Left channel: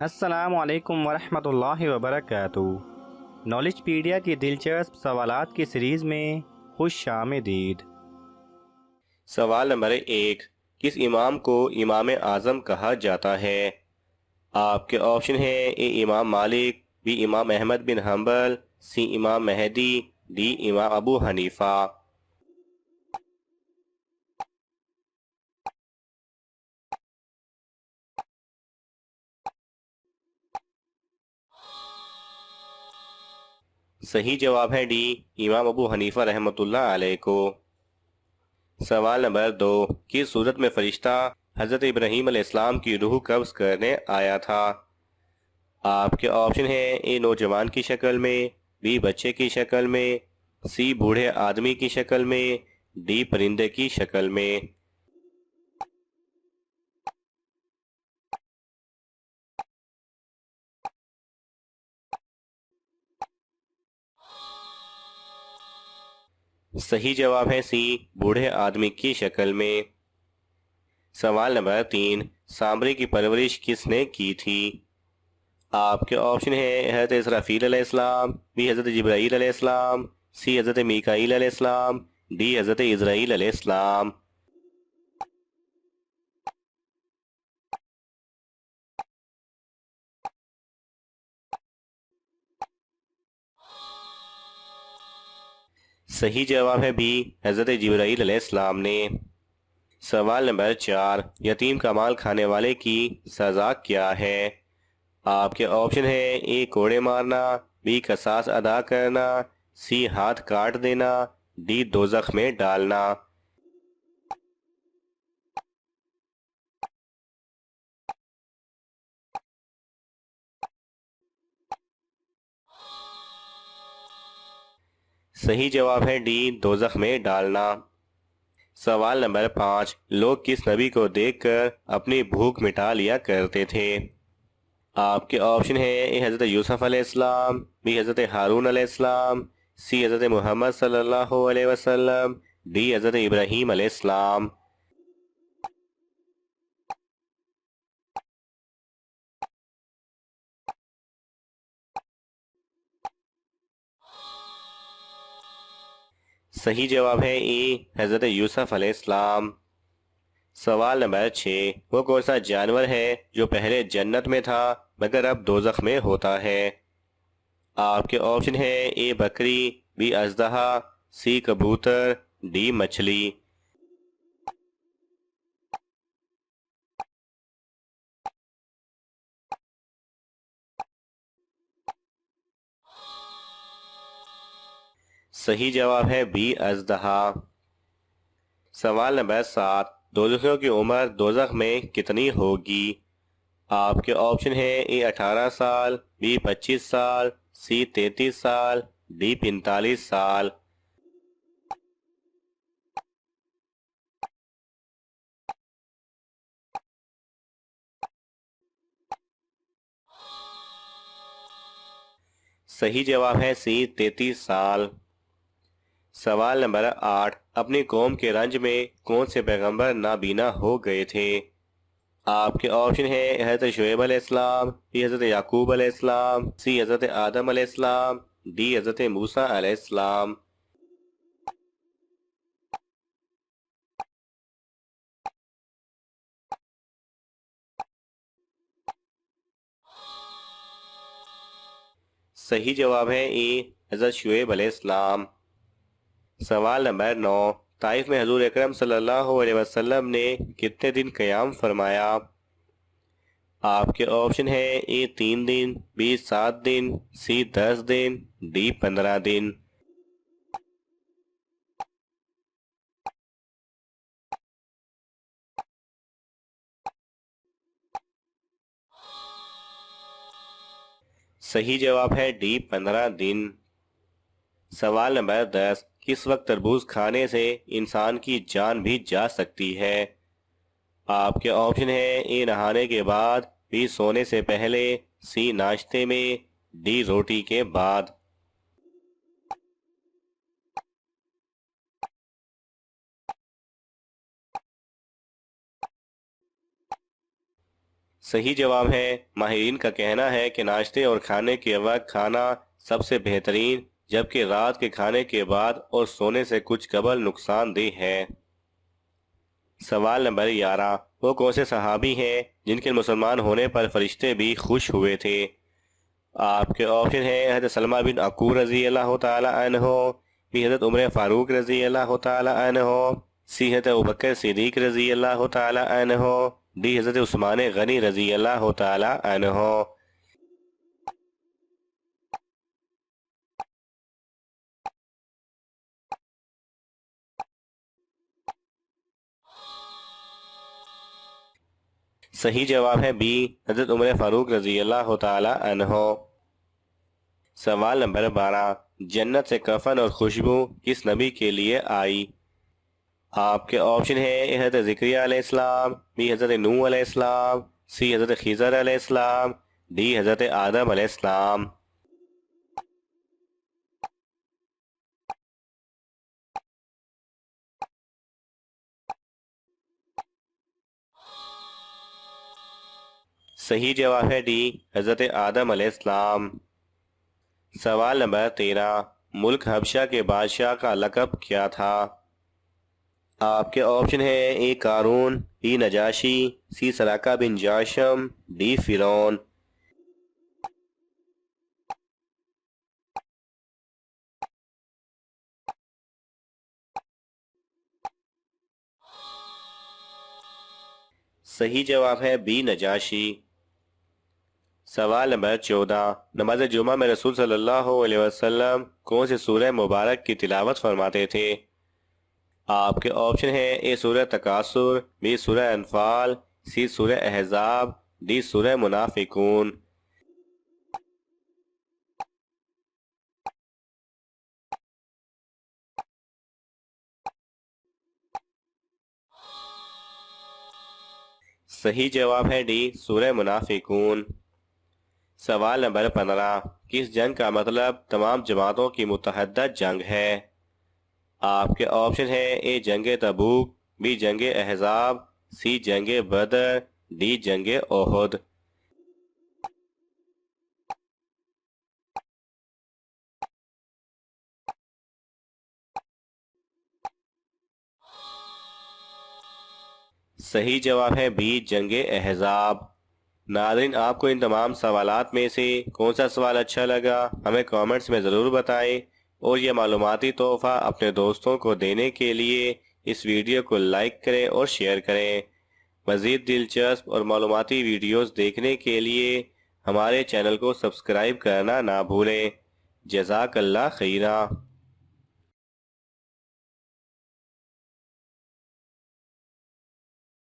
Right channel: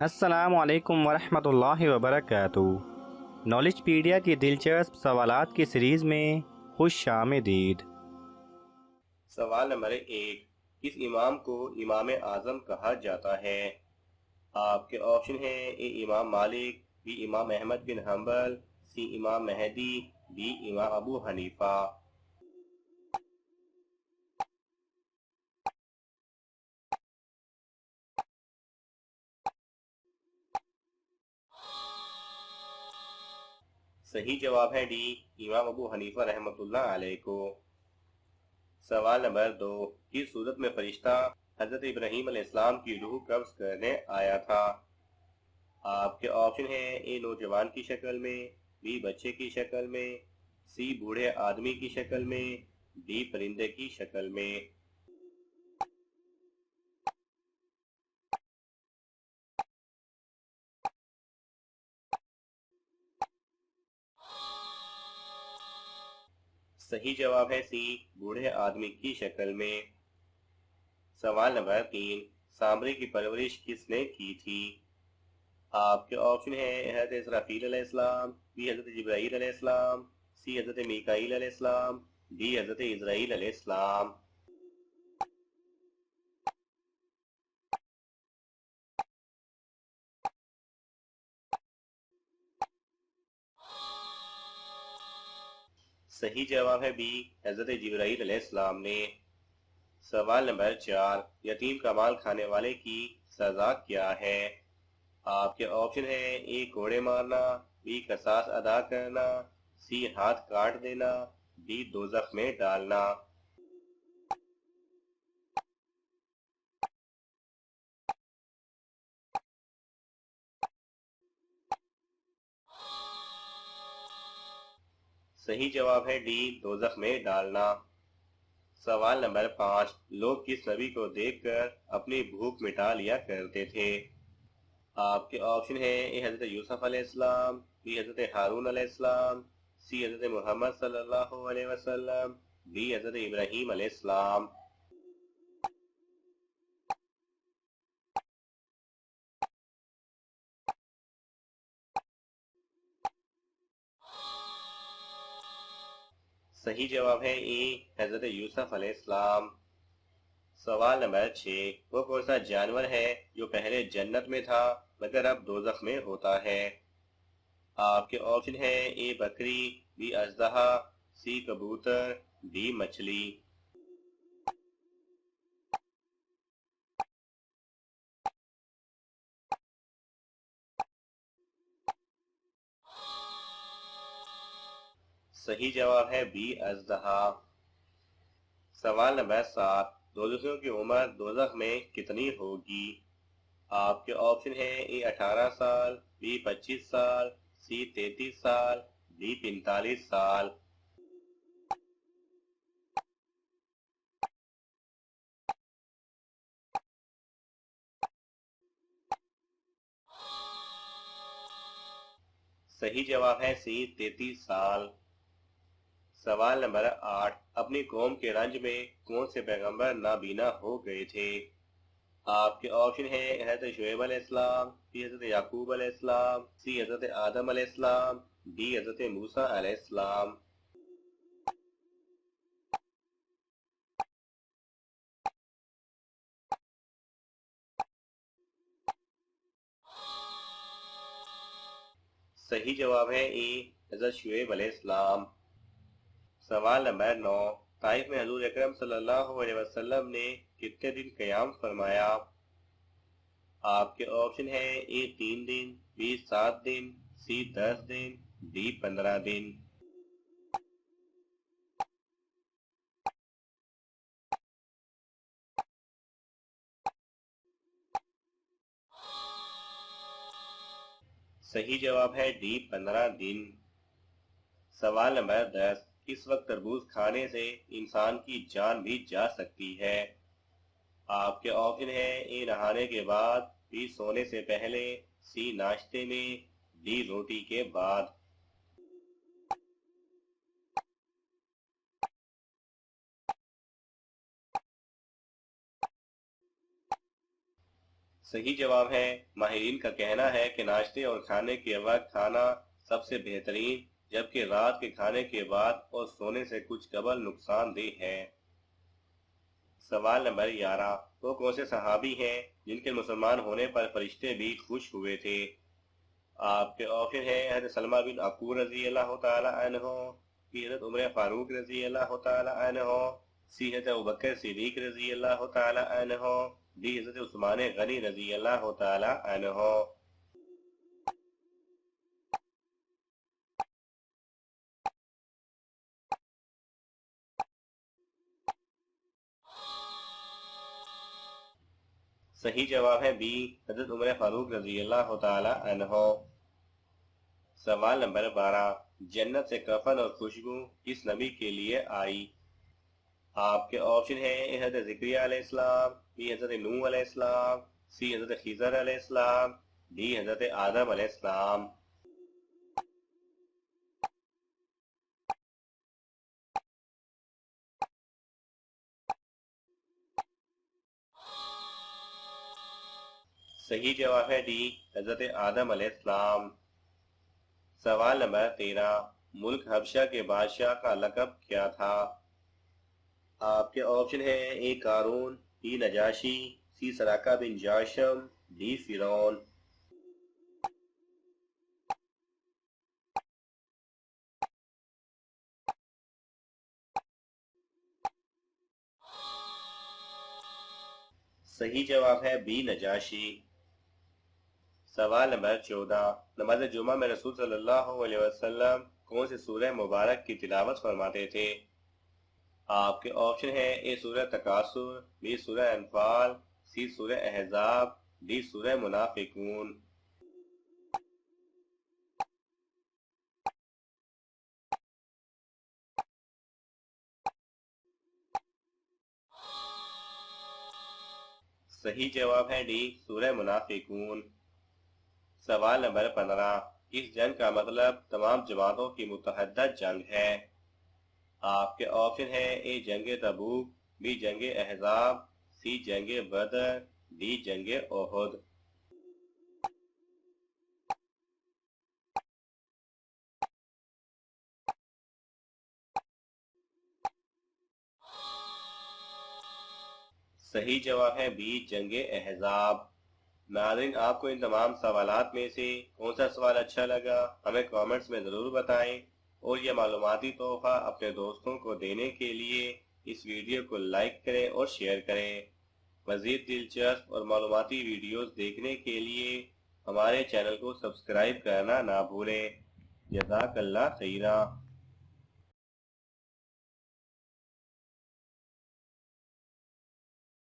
अस्सलामु अलैकुम वरहमतुल्लाहि वबरकातुहू। नॉलेजपीडिया की दिलचस्प सवालात की सीरीज़ में खुश आमदीद। सवाल नंबर 1। किस इमाम को इमाम आज़म कहा जाता है? आपके ऑप्शन है: ए इमाम मालिक, बी इमाम अहमद बिन हंबल, सी इमाम मेहदी, डी इमाम अबू हनीफा। सही जवाब है डी, इमाम अबू हनीफा रहमतुल्लाह अलैह को। सवाल नंबर 2। किस सूरत में फरिश्ता हज़रत इब्राहीम अलैहिस्सलाम की रूह कब्ज़ करने आया था? आपके ऑप्शन है: ए नौजवान की शक्ल में, बी बच्चे की शक्ल में, सी बूढ़े आदमी की शक्ल में, डी परिंदे की शक्ल में। सही जवाब है सी, बूढ़े आदमी की शक्ल में। सवाल नंबर 3। सांबरे की परवरिश किसने की थी? आपके ऑप्शन है: हज़रत इसराफील अलैहिस्सलाम, बी हज़रत जिब्राईल अलैहिस्सलाम, सी हज़रत मीकाईल अलैहिस्सलाम, डी हज़रत इज़राईल अलैहिस्सलाम। सही जवाब है बी, हज़रत जिब्राईल अलैहिस्सलाम ने। सवाल नंबर 4। यतीम का माल खाने वाले की सजा क्या है? आपके ऑप्शन है: ए कोड़े मारना, बी कसास अदा करना, सी हाथ काट देना, डी दोजख में डालना। सही जवाब है डी, दोजख में डालना। सवाल नंबर 5। लोग किस नबी को देखकर अपनी भूख मिटा लिया करते थे? आपके ऑप्शन है: ए हज़रत यूसुफ अलैहिस्सलाम, बी हज़रत हारून अलैहिस्सलाम, सी हज़रत मोहम्मद सल्लल्लाहु अलैहि वसल्लम, डी हज़रत इब्राहीम अलैहिस्सलाम। सही जवाब है ए, हज़रत यूसुफ अलैहिस्सलाम। सवाल नंबर 6। वो कौन सा जानवर है जो पहले जन्नत में था मगर अब दोजख में होता है? आपके ऑप्शन है: ए बकरी, बी अजदहा, सी कबूतर, डी मछली। सही जवाब है बी अजदहा। सवाल नंबर 7। दोजखियों की उम्र दोजख में कितनी होगी? आपके ऑप्शन है: ए 18 साल, बी 25 साल, सी 33 साल, डी 45 साल। सही जवाब है सी, 33 साल। सवाल नंबर 8। अपनी कौम के रंज में कौन से पैगंबर नाबीना हो गए थे? आपके ऑप्शन है: हज़रत शुएब अलैहिस्सलाम, बी हज़रत याकूब अलैहिस्सलाम, सी हज़रत आदम अलैहिस्सलाम, डी हज़रत मूसा अलैहिस्सलाम। सही जवाब है ए, हज़रत शुएब अलैहिस्सलाम। सवाल नंबर 9। ताइफ में हजूर अकरम सल्लल्लाहु अलैहि वसल्लम ने कितने दिन क़याम फरमाया? आपके ऑप्शन है: ए 3 दिन, बी 7 दिन, सी 10 दिन, डी 15 दिन। सही जवाब है डी, 15 दिन। सवाल नंबर 10। किस वक्त तरबूज खाने से इंसान की जान भी जा सकती है? आपके ऑप्शन है: ए नहाने के बाद, बी सोने से पहले, सी नाश्ते में, डी रोटी के बाद। सही जवाब है, माहिरीन का कहना है कि नाश्ते और खाने के वक्त खाना सबसे बेहतरीन, जबकि रात के खाने के बाद और सोने से कुछ कबल नुकसानदेह है। सवाल नंबर 11, वो कौन से सहाबी हैं जिनके मुसलमान होने पर फरिश्ते भी खुश हुए थे? आपके ऑप्शन है हज़रत सलमा बिन अकूर रजी अल्लाह ताला अन्हो, बी हज़रत उमर फारूक रजी अल्लाह ताला अन्हो, सी हज़रत अबू बकर सिद्दीक रजी अल्लाह ताला अन्हो, डी हज़रत उस्मान गनी रजी अल्लाह ताला अन्हो। सही जवाब है बी, हज़रत उमर फारूक रजी अल्लाह ताला अन्हो। सवाल नंबर 12, जन्नत से कफन और खुशबू किस नबी के लिए आई? आपके ऑप्शन है हज़रत ज़िक्रिया अलैहिस्सलाम, बी हज़रत नूह अलैहिस्सलाम, सी हज़रत खिज़र अलैहिस्सलाम, डी हज़रत आदम अलैहिस्सलाम। सही जवाब है डी, हज़रत आदम अलैहिस्सलाम। सवाल नंबर 13, मुल्क हबशा के बादशाह का लक़ब क्या था? आपके ऑप्शन है ए कारून, बी नजाशी, सी सराका बिन जाशम, डी फिरौन। सही जवाब है बी नजाशी। सवाल नंबर 14, नमाज जुमा में रसूल सल्लल्लाहु अलैहि वसल्लम कौन से सूरह मुबारक की तिलावत फरमाते थे? आपके ऑप्शन है ए सूरह तकासुर, बी सूरह अनफाल, सी सूरह अहज़ाब, डी सूरह मुनाफिकून। सही जवाब है डी सूरह मुनाफिकून। सवाल नंबर 15, किस जंग का मतलब तमाम जमातों की मुतहद्दा जंग है? आपके ऑप्शन है ए जंग तबूक, बी जंग अहज़ाब, सी जंग बदर, डी जंग ओहद। सही जवाब है बी जंग अहज़ाब। नाज़रीन, आपको इन तमाम सवालात में से कौन सा सवाल अच्छा लगा हमें कमेंट्स में ज़रूर बताएं, और यह मालूमाती तोहफ़ा अपने दोस्तों को देने के लिए इस वीडियो को लाइक करें और शेयर करें। मज़ीद दिलचस्प और मालूमाती वीडियोस देखने के लिए हमारे चैनल को सब्सक्राइब करना ना भूलें। जज़ाकल्लाह खैरा।